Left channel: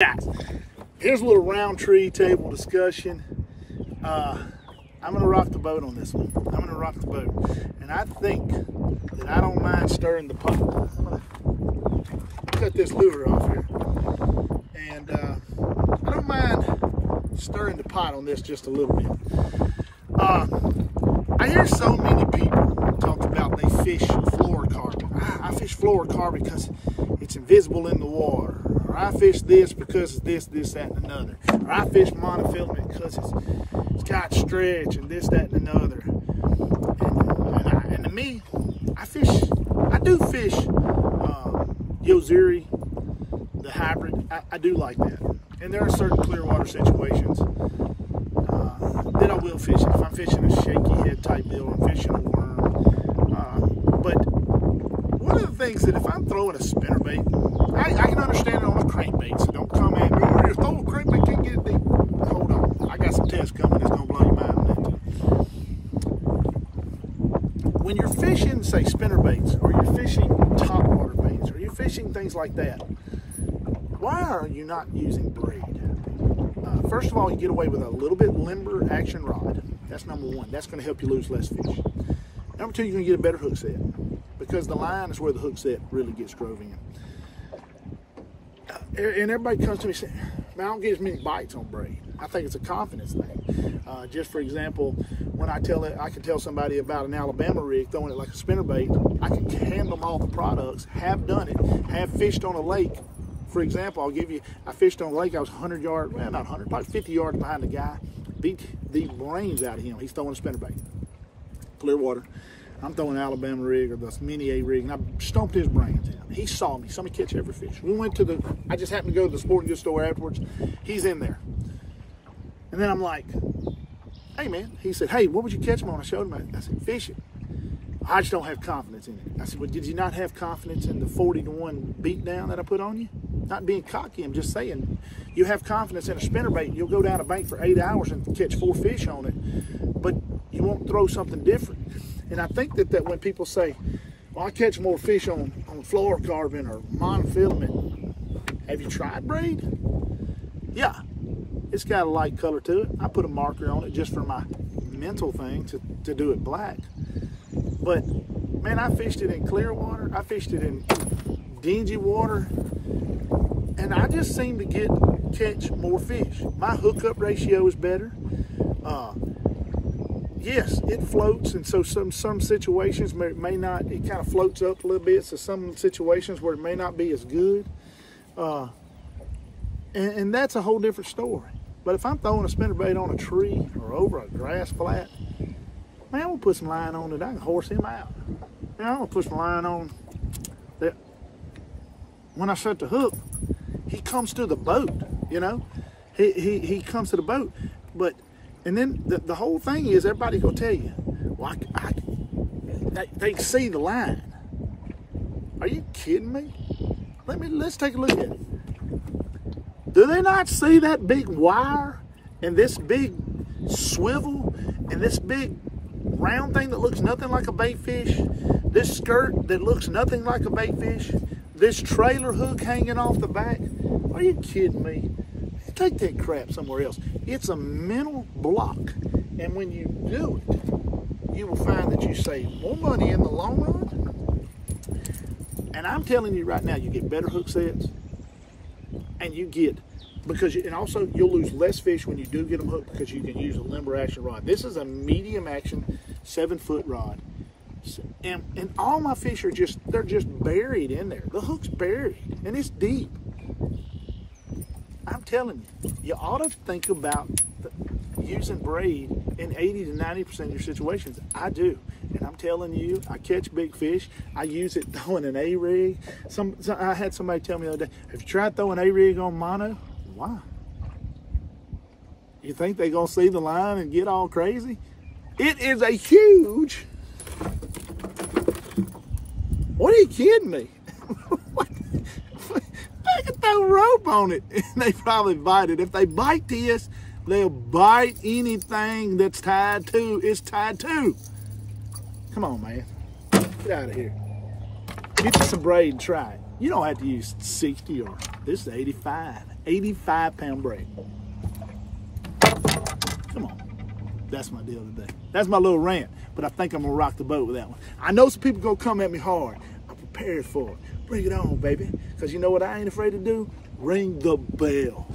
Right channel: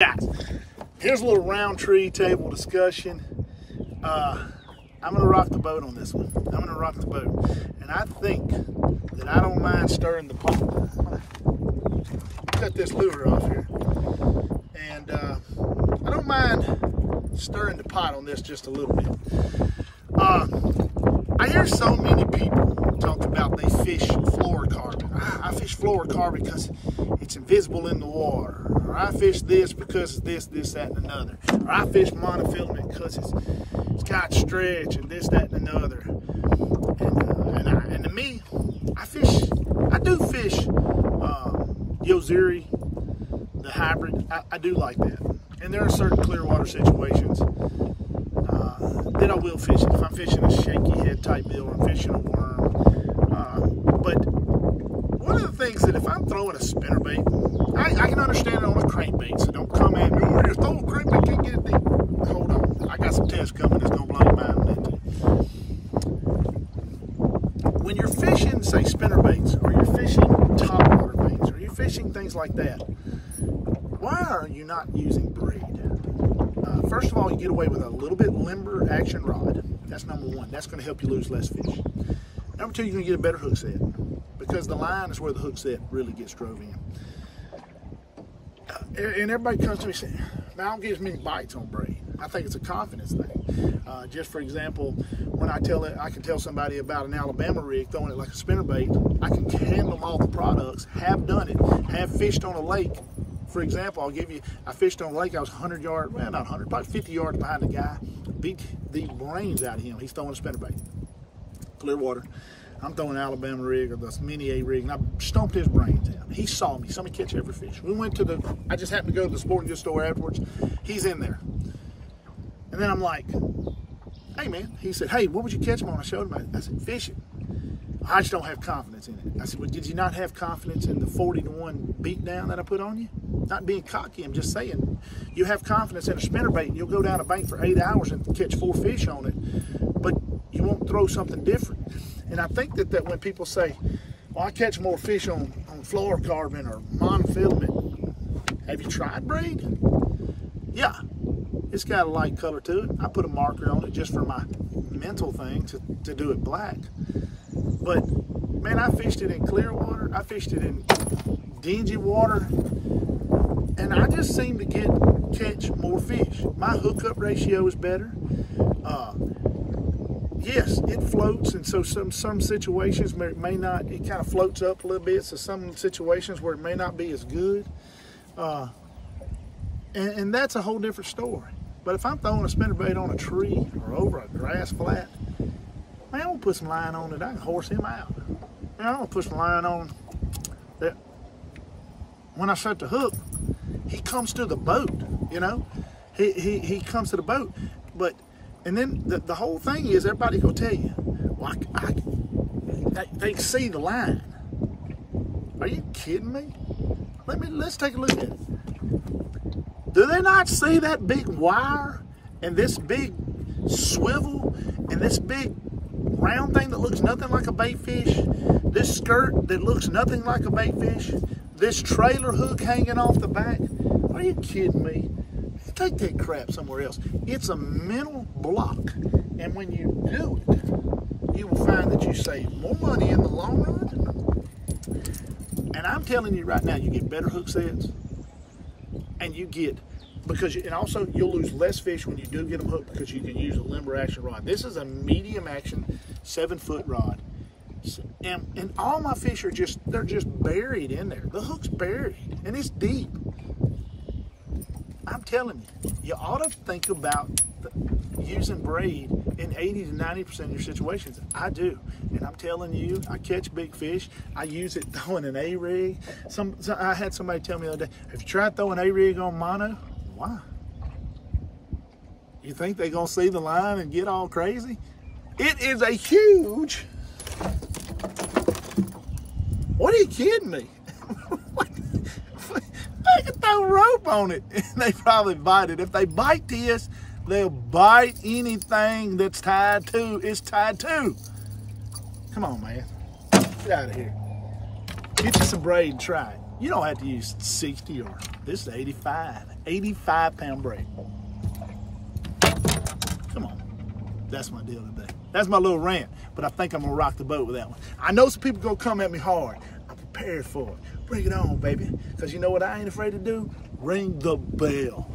Guys, here's a little round tree table discussion. I'm gonna rock the boat on this one. I'm gonna rock the boat, and I think that I don't mind stirring the pot. I'm gonna cut this lure off here, and I don't mind stirring the pot on this just a little bit. I hear so many people talk about they fish fluorocarbon. I fish fluorocarbon because it's invisible in the water. Or I fish this because it's this, that, and another. Or I fish monofilament because it's got stretch and this, that, and another. And to me, I do fish Yozuri, the hybrid. I do like that. And there are certain clear water situations that I will fish it. If I'm fishing a shaky head type deal, or I'm fishing a worm. But one of the things that if I'm throwing a spinnerbait, I can understand it on a crankbait, so don't come at me, oh, you're throwing a crankbait, can't get it deep. Hold on, I got some tests coming that's gonna blow your mind on that. When you're fishing, say, spinnerbaits, or you're fishing topwater baits, or you're fishing things like that, why are you not using braid? First of all, you get away with a little bit limber action rod. That's number one. That's going to help you lose less fish. Number two, you're going to get a better hook set, because the line is where the hook set really gets drove in. And everybody comes to me saying, man, I don't get as many bites on braid. I think it's a confidence thing. Just for example, when I can tell somebody about an Alabama rig, throwing it like a spinnerbait, I can hand them all the products, have done it, have fished on a lake. For example, I fished on a lake, I was 100 yards, well, not 100, probably 50 yards behind the guy. Beat the brains out of him. He's throwing a spinnerbait. Clear water. I'm throwing an Alabama rig or the mini A rig, and I stomped his brains out. He saw me catch every fish. We went to I just happened to go to the sporting goods store afterwards. He's in there. And then I'm like, hey man, he said, hey, what would you catch him on? I showed him, I said, fishing. I just don't have confidence in it. I said, well, did you not have confidence in the 40-to-1 beat down that I put on you? Not being cocky, I'm just saying, you have confidence in a spinnerbait, you'll go down a bank for 8 hours and catch 4 fish on it, but you won't throw something different. And I think that when people say, well, I catch more fish on fluorocarbon or monofilament, have you tried braid? Yeah, it's got a light color to it. I put a marker on it just for my mental thing to do it black. But man, I fished it in clear water, I fished it in dingy water, and I just seem to catch more fish. My hookup ratio is better. Yes, it floats, and so some situations may not, it kind of floats up a little bit, so some situations where it may not be as good. And that's a whole different story. But if I'm throwing a spinnerbait on a tree or over a grass flat, man, I'm gonna put some line on it. I can horse him out. Man, I'm gonna put some line on that. When I set the hook, he comes to the boat. You know, he comes to the boat. And then the whole thing is, everybody gonna tell you, well, they see the line. Are you kidding me? Let's take a look at it. Do they not see that big wire and this big swivel and this big round thing that looks nothing like a bait fish, this skirt that looks nothing like a bait fish, this trailer hook hanging off the back? Are you kidding me? Take that crap somewhere else. It's a mental block, and when you do it, you will find that you save more money in the long run. And I'm telling you right now, you get better hook sets, and and also you'll lose less fish when you do get them hooked, because you can use a limber action rod. This is a medium action 7-foot rod, and all my fish they're just buried in there. The hook's buried, and it's deep. I'm telling you, you ought to think about using braid in 80 to 90% of your situations. I do, and I'm telling you, I catch big fish. I use it throwing an A-rig. I had somebody tell me the other day, have you tried throwing A-rig on mono? Why? You think they're gonna see the line and get all crazy? It is a huge, what, are you kidding me? I can throw rope on it and they probably bite it. If they bite this, they'll bite anything that's tied to. Come on, man. Get out of here. Get you some braid and try it. You don't have to use 60 or this is 85. 85-pound braid. Come on. That's my deal today. That's my little rant, but I think I'm gonna rock the boat with that one. I know some people gonna come at me hard. I'm prepared for it. Bring it on, baby. Because you know what I ain't afraid to do? Ring the bell.